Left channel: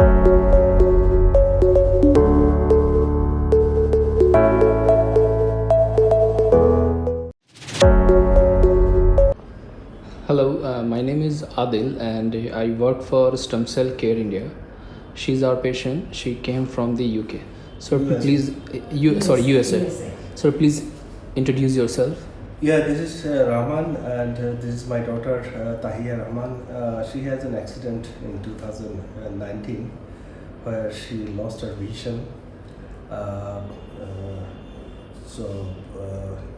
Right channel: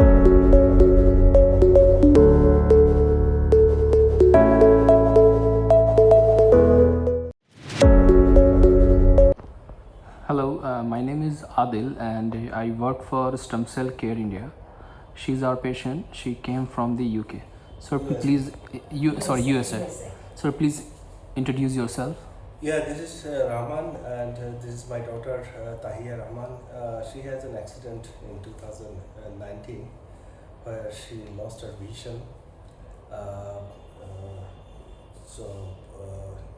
Hello, my name is Adil and I work for Stem Cell Care India. She's our patient. She came from the UK. So USA. please, USA. So please introduce yourself. Yeah, this is Rahman, and this is my daughter Tahia Rahman. She has an accident in 2019 where she lost her vision.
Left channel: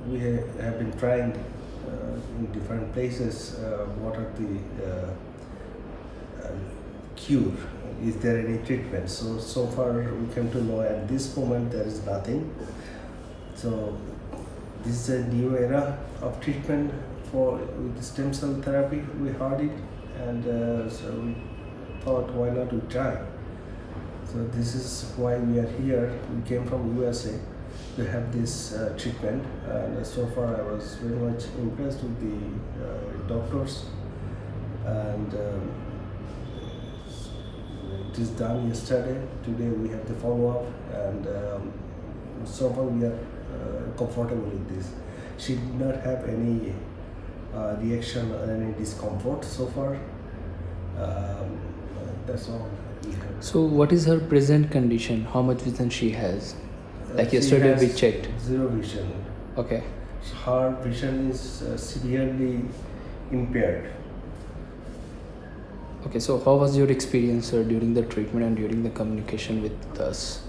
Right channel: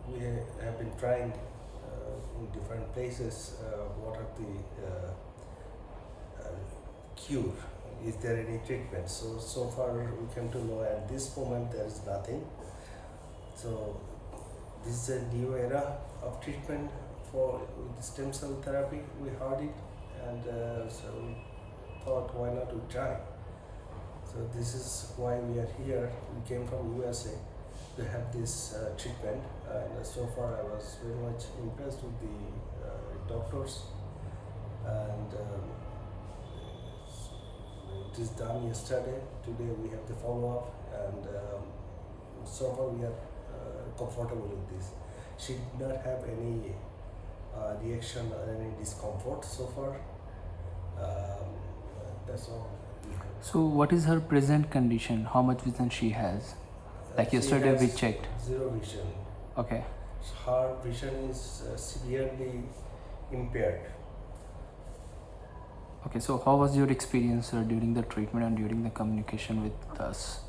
We have been trying in different places what are the cure. Is there any treatment? So far we came to know at this moment there is nothing. So this is a new era of treatment with stem cell therapy. We heard it, and so we thought, why not we try? So this is why we are here. We came from USA to have this treatment, and so far I was very much impressed with the doctors, and it is done yesterday. Today we have the follow-up, and so far we are comfortable with this. She did not have any reaction or any discomfort so far. That's all we have. So what is her present condition? How much vision she has? Like She yesterday has we checked. zero vision. Okay. Her vision is severely impaired. Okay, so how was your experience during the treatment and during the communication with us?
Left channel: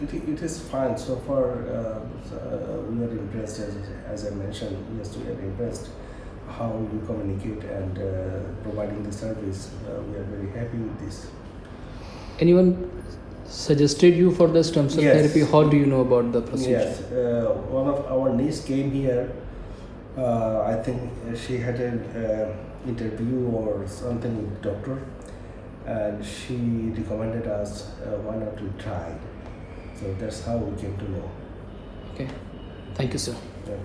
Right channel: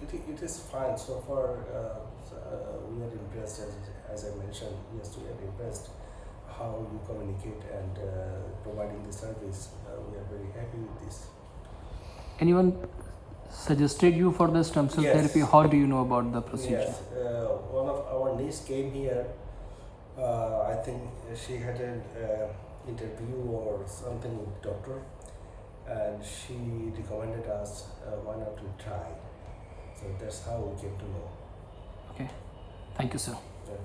It is fine so far. We are impressed, as I mentioned. Yes, we are impressed how you communicate and providing the service. We are very happy with this. Anyone suggested you for the stem cell Yes. therapy? How do you know about the procedure? Yes, one of our niece came here. I think she had an interview or something with doctor, and she recommended us why not to try. So that's how we came to know. Okay. Thank you, sir. Okay.